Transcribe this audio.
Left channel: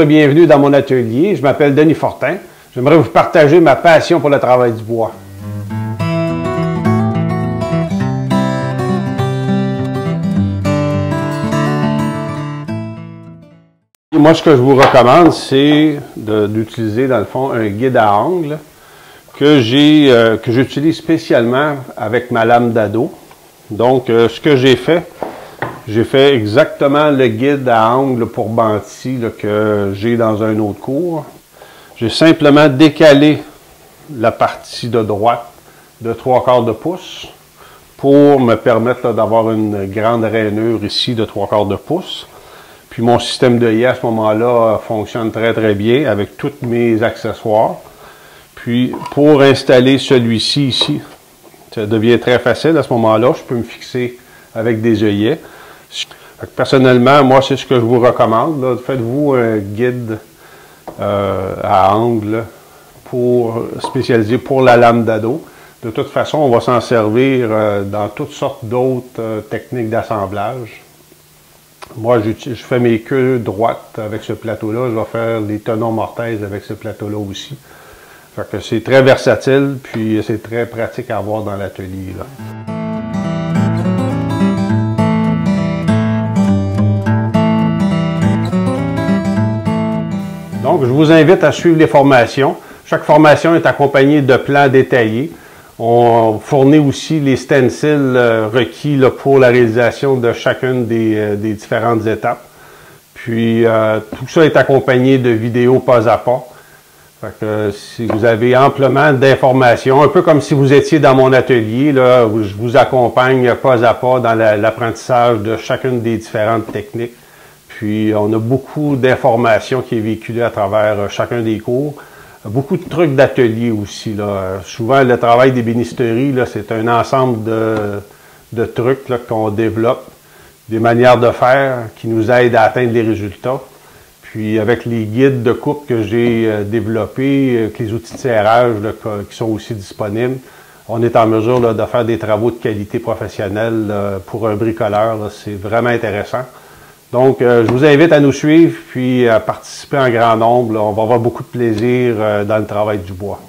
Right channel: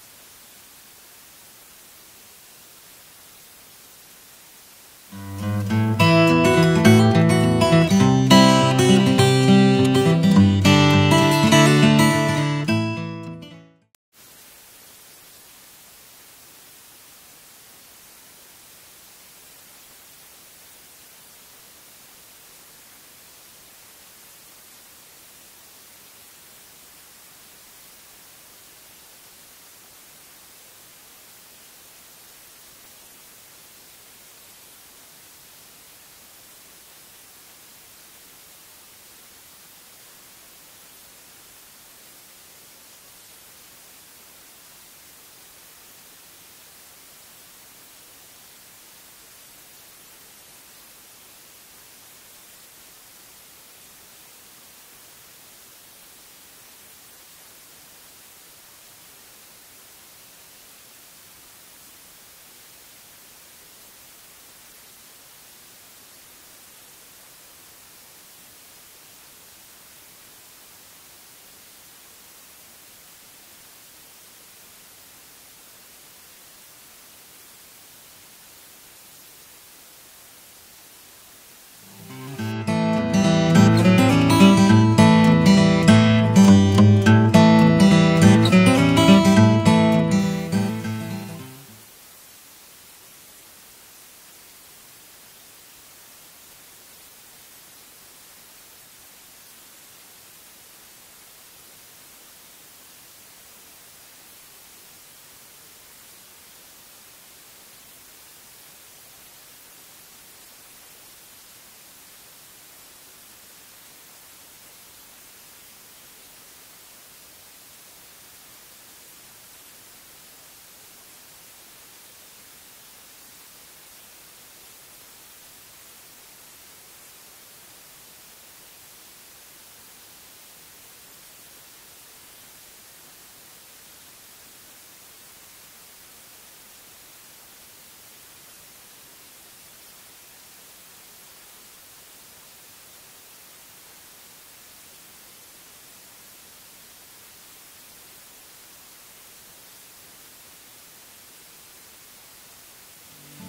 Bonjour et bienvenue dans mon atelier. Je m'appelle Denis Fortin. J'aimerais vous partager ma passion pour le travail du bois. Moi, ce que je vous recommande, c'est d'utiliser, dans le fond, un guide à angle que j'utilise spécialement avec ma lame d'ado. Donc, ce que j'ai fait exactement le guide à angle pour Banti que j'ai dans un autre cours. J'ai simplement décalé la partie de droite de 3/4 de pouce pour me permettre d'avoir une grande rainure ici de 3/4 de pouce. Puis mon système d'œillet à ce moment-là fonctionne très très bien avec tous mes accessoires. Puis pour installer celui-ci ici, ça devient très facile à ce moment-là. Je peux me fixer avec des œillets. Personnellement, moi, c'est ce que je vous recommande. Faites-vous un guide à angle spécialisé pour la lame d'ado. De toute façon, on va s'en servir dans toutes sortes d'autres techniques d'assemblage. Moi, je fais mes queues droites avec ce plateau-là. Je vais faire les tenons mortaises avec ce plateau-là aussi. Fait que c'est très versatile, puis c'est très pratique à avoir dans l'atelier. Donc, je vous invite à suivre les formations. Chaque formation est accompagnée de plans détaillés. On fournit aussi les stencils requis pour la réalisation de chacune des différentes étapes. Puis, tout ça est accompagné de vidéos pas à pas. Fait que si vous avez amplement d'informations, un peu comme si vous étiez dans mon atelier, là, où je vous accompagne pas à pas dans l'apprentissage de chacune des différentes techniques. Puis, on a beaucoup d'informations qui est véhiculée à travers chacun des cours. Beaucoup de trucs d'atelier aussi. Souvent, le travail d'ébénisterie, c'est un ensemble de trucs qu'on développe, des manières de faire qui nous aident à atteindre les résultats. Puis, avec les guides de coupe que j'ai développés, avec les outils de serrage qui sont aussi disponibles, on est en mesure de faire des travaux de qualité professionnelle pour un bricoleur. C'est vraiment intéressant. Donc, je vous invite à nous suivre puis à participer en grand nombre. On va avoir beaucoup de plaisir dans le travail du bois.